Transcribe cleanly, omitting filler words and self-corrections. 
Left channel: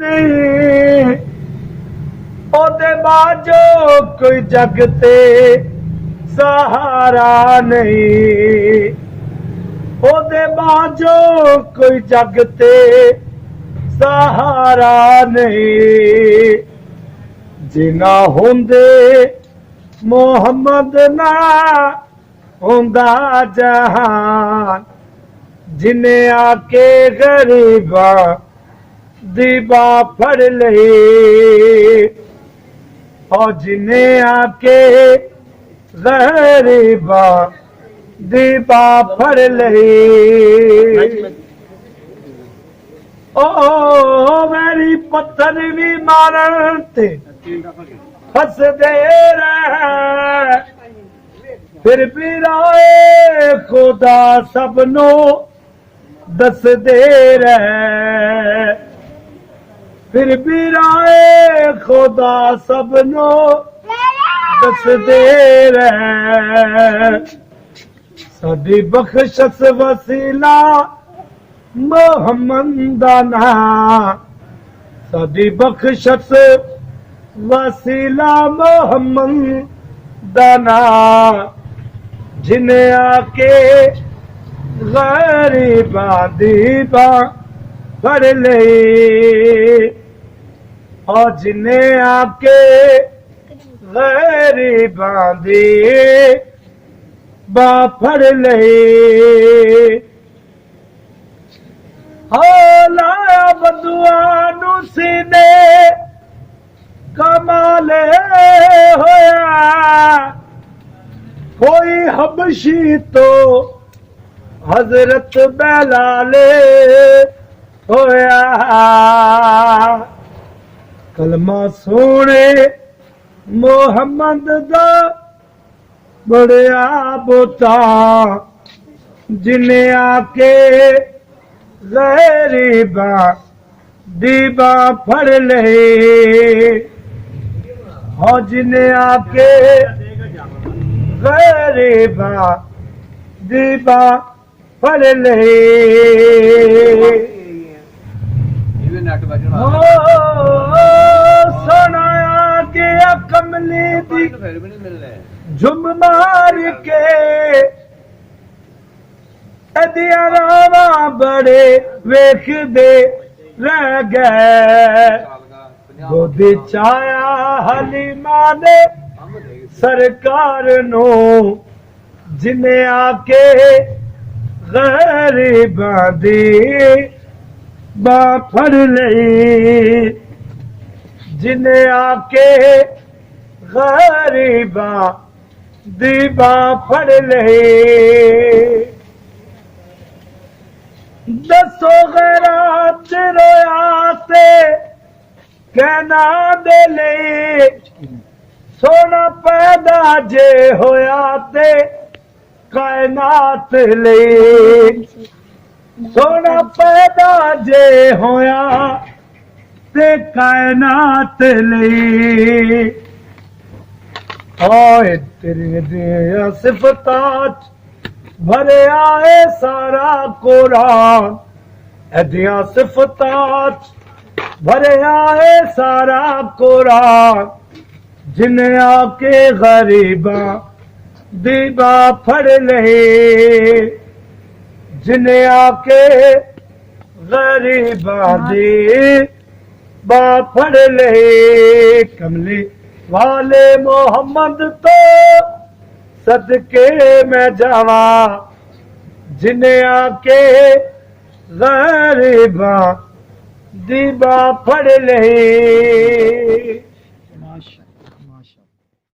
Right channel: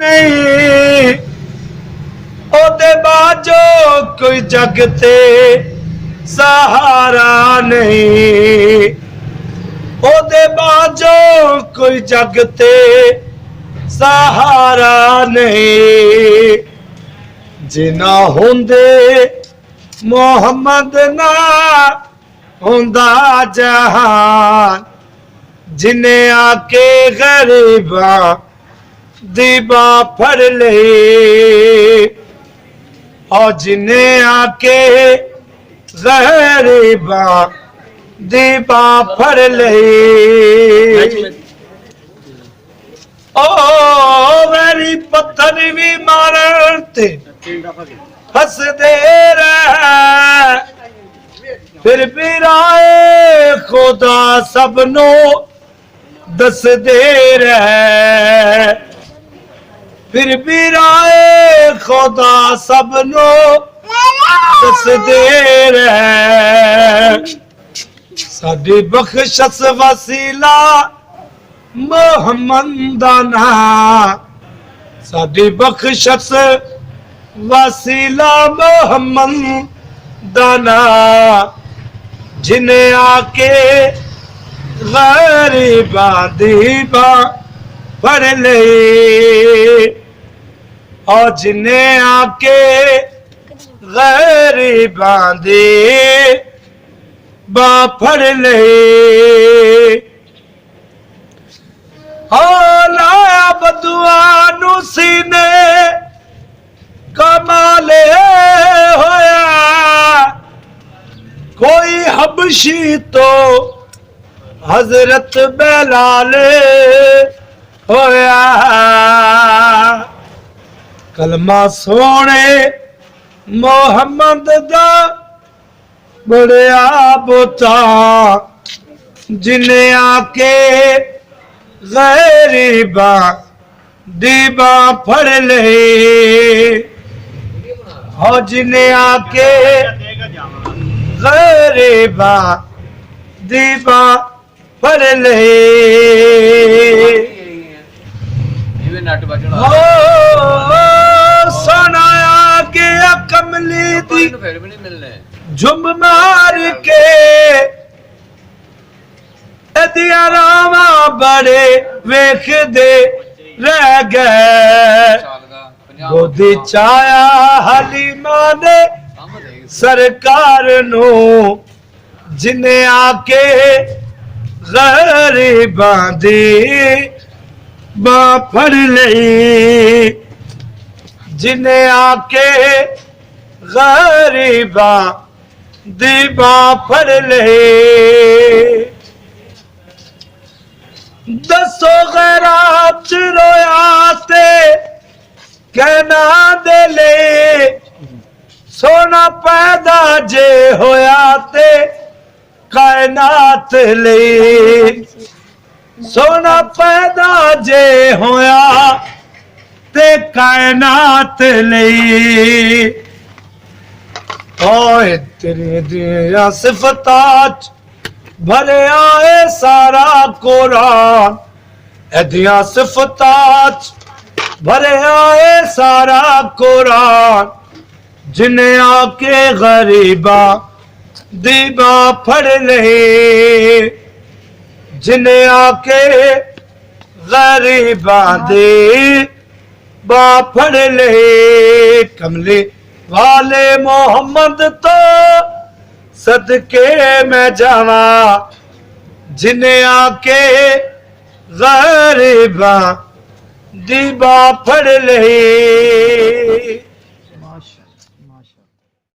नहीं ओदे बाजो कोई जग ते सहारा नहीं ओदे बाजो कोई जग ते सहारा नहीं जिना होंदे मोहम्मद ना होंदा जहान जिन्हें आके गरीबा दीबा फड़ ले और जिन्हें आके गरीबा दीबा फड़ ले ओ मेरी पत्थर भी मारन ते हस दे रहे फिर भी राए खुदा सबनो दस दे रहे फिर भी राए खुदा सबनो दस दे रहे साडी बख्शस वसीला मोहम्मद दा नाम साडी बख्शस वसीला मोहम्मद दा नाम जिन्हें आके गरीबा दीबा फड़ ले और जिन्हें आके गरीबा दीबा फड़ ले लाया बदुआ नू सीने कमाले होया कोई हबशी तो हजरत बेलाले होया कलमा सोने मोहम्मद दा बड़िया बोता जिन्हें आके गरीबा दीबा फड़ ले और जिन्हें आके गरीबा दीबा फड़ ले सुनाया गया कमली दी झुम मार के दिया रामा बड़े वेख दे रह गए गोदी चाया हलीमा ने सरकार नो जिन्हें आके गरीबा दी बा फड़ लई जिन्हें आके गरीबा दी बा फड़ लई दसो गैरात रोया ते कहना दे ले सोना पैदा जे होया ते कायनात ले सोना पैदा जे होया ते कायनात ले ओए तेरी दिया सिफतात भरे आए सारा कुरान एदियां सिफतात भरे आए सारा कुरान जिन्हें आके गरीबा दीबा फड़ ले जिन्हें आके गरीबा दीबा फड़ ले कमली वाले मोहम्मद तो सदके में जावा जिन्हें आके गरीबा दीबा फड़ ले